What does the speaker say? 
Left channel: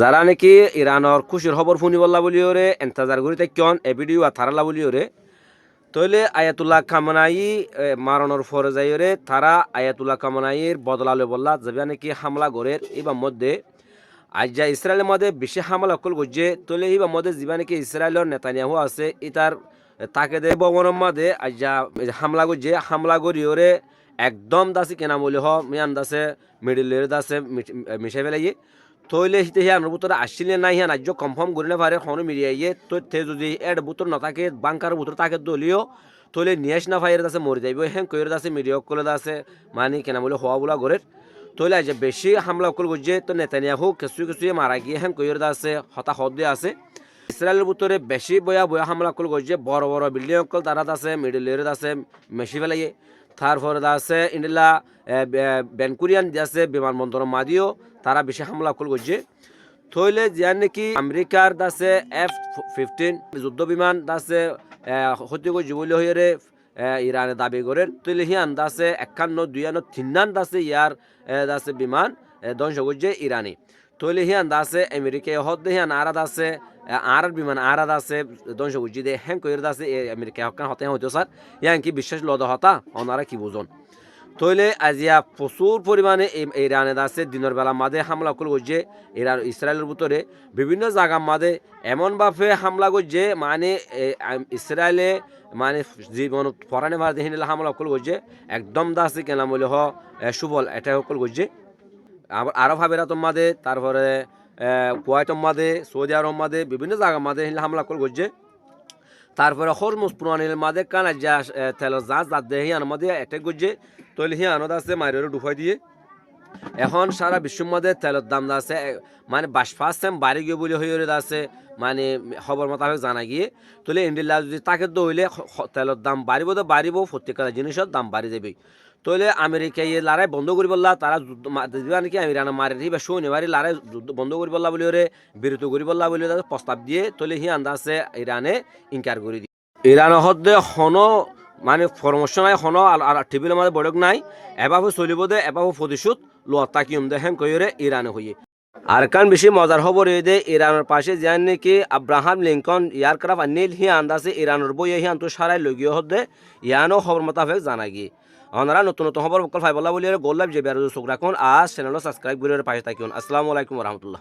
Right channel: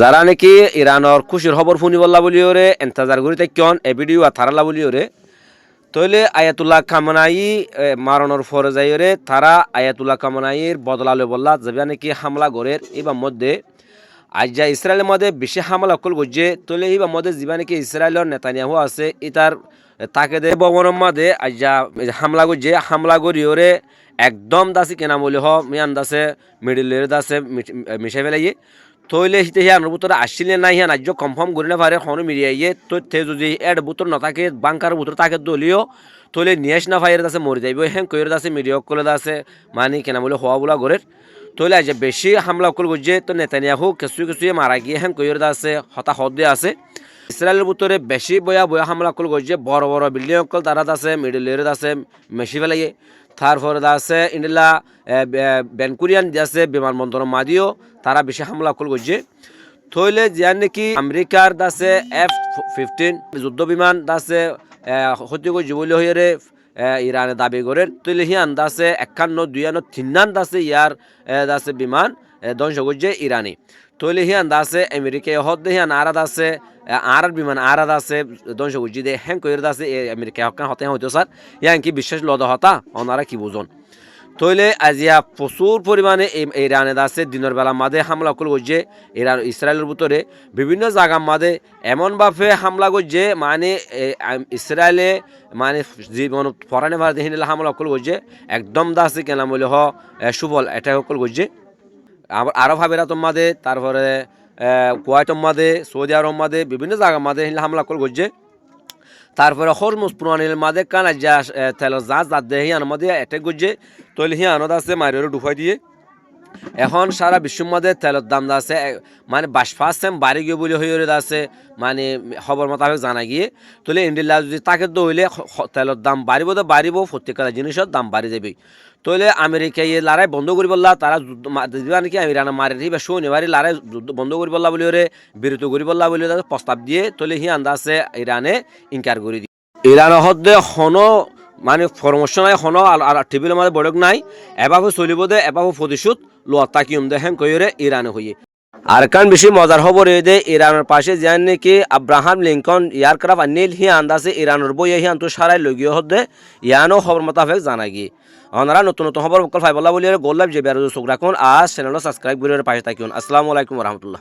যারা নাকি ইরানের খুশির খবর শুনি বললা বলি ওরে এন্তাজার করি থাকেন এ ভিডিও আর থারালা বলি ওরে তইলে আয়াতুল্লাহ খামনাই মারণের ফরে যাই ওরে তারা আয়াতুল্লাহ খামনাইয়ের বদলালে বললা যাবে নাকি হামলা গড়ের এবার মধ্যে আজ যা ইসরায়েলের মধ্যে বেশি হামলা অকল করছে তইলে এবার মধ্যে যাবে নাকি ইসরায়েলের নেতানিয়াহু আছে ইতার তাকে দে ভবনের মধ্যে আজ যা হামলা করছে হামলা করি ওরে একদম দাসি কেনা মূল্য হ মিয়ান দাসে মিডিলের দাসে মিশে ফেলাইয়ে তৈলে হিতে হিয়ানোর ভিতরে আসছিলে নাই হিয়ান আজ কনফার্ম করি না পারে খনো মিডিয়াইয়ে তো তে যদি এড বুতর নথাকে বাংকার বুতর তাকে দলীয় তৈলে নিয়েস না ফাইয়ের দাসে মরে যাইব হ্যাঁ কইয়ের দাসে মিডিয়া কলে দাসে মানে কেনা বলে হওয়া বলা গড়ের তৈলে আজ বেশি হামলা অকল করছে তো নেতানিয়াহু কিছু কিছু মারা গিয়ে হ্যাঁ কইয়ের দাসে হতাহত দিয়ে আছে ইসরায়েলের ভিতরে বেশি বয়া বয়া হামলা অকল করছে বড় বড় বিল্ডিং অকল তারা আছে মিডিলের আছে মেশি ফেলাইয়ে তারপরে আছে ইন্ডিলা বেনকুরিয়ান আছে বিমানবন্দর মাদিও তারা বেশি হামলা অকল করছে থইলে জিয়ান নাকি আমেরিকার দাসে F-15 যুদ্ধ বিমান দাসে ক্ষতি করছে বলে হয়ে ইরানে দাবি করেন তৈলে হিয়ান দাসে 51 52 তিনান দাসে ইয়ার দাসে বিমান ধ্বংস করছে ইরানি তৈলে হিয়ান দাসে আমেরিকায় হদ্দে হিয়ান আরাদ আছে আর বিমান আরাদ আছে ধ্বংস করছে দে হ্যাঁ কইর দাসে আমেরিকা হকান হতে হইতো স্যার ইয়ান কি বিশ্বাস লদ হতা ওনারা কি বুঝুন তৈলে আজিয়া প্রচুর পরিমাণে ইরানে আছে দিনের বেলা মাঝে হামলা করছে ইরান ইসরায়েলের ভিতরে বিভিন্ন জায়গার মাঝে এমনভাবে হামলা করছে মানে ইসরায়েলে মানে জীবন ফরানে ভারত হিনিলা হামলা করছে একদম দাসে কেনা মূল্য হ সুবল এটা করছে আরব আমিরাতের মাঝে তারপরে কুয়েতের মাঝে সৌদি আরব মাঝে বিভিন্ন জায়গার মাঝে হামলা করছে তারপরে হরমুজ পুরানির মাঝে কানা যা তেলের জাহাজ যার দেহে হিয়ানোর মধ্যে অ্যাটাক করছে তৈলে হিয়ানো আছে মারিও ডুফাই দিয়ে এখন সারা বিশ্বের মধ্যে তেলের দাম আছে মানে 22% বাড়ি গিয়ে বলে হয়ে আছে মানে খবর মোতাবেক জানা গিয়ে তাহলে ইন্ডিয়া যদি তাকে দইলে তেলের দাম বাড়িব প্রত্যেকটা জিনিসের দাম বাড়ি যাবে তইলে আমেরিকা ইয়ে লড়াই বন্ধ করি বললা তারা নাকি ইরানে মারি বা শনিবারই লড়াই যুদ্ধ বন্ধ করি বললা বলে বিরত করি বললা বলে প্রস্তাব দিয়ে তইলে হি আন্দা আছে ইরানে ইনকার করে দিয়ে ইরানের হদ্দে হনো মানে পরামর্শ নাই হনো আর টেবিলের মধ্যে বড়ক নাই এভাবে চলিব দে এভাবে প্রতিশোধ লোয়া তাকিম দে হ্যাঁ কইরে ইরানে হইয়ে আর কান বেশি মজার খবর এই দে ইরানের পাশে যান নাকি আব্রাহাম লিঙ্কন এয়ারক্রাফট আনিল হি আন্দাজে ইরানের বই হি আন্তু সারাই লগিয়ে হদ্দে ইয়ানো খবর মোতাবেক জানা গিয়ে ওনারা নতুন নতুন খবর ফাইবল্লা বলি গোল্লাভ যে বেরোজ চোখ রাখুন আর চ্যানেল সাবস্ক্রাইব করে পাশে থাকুন আসসালামু আলাইকুম রহমতুল্লাহ।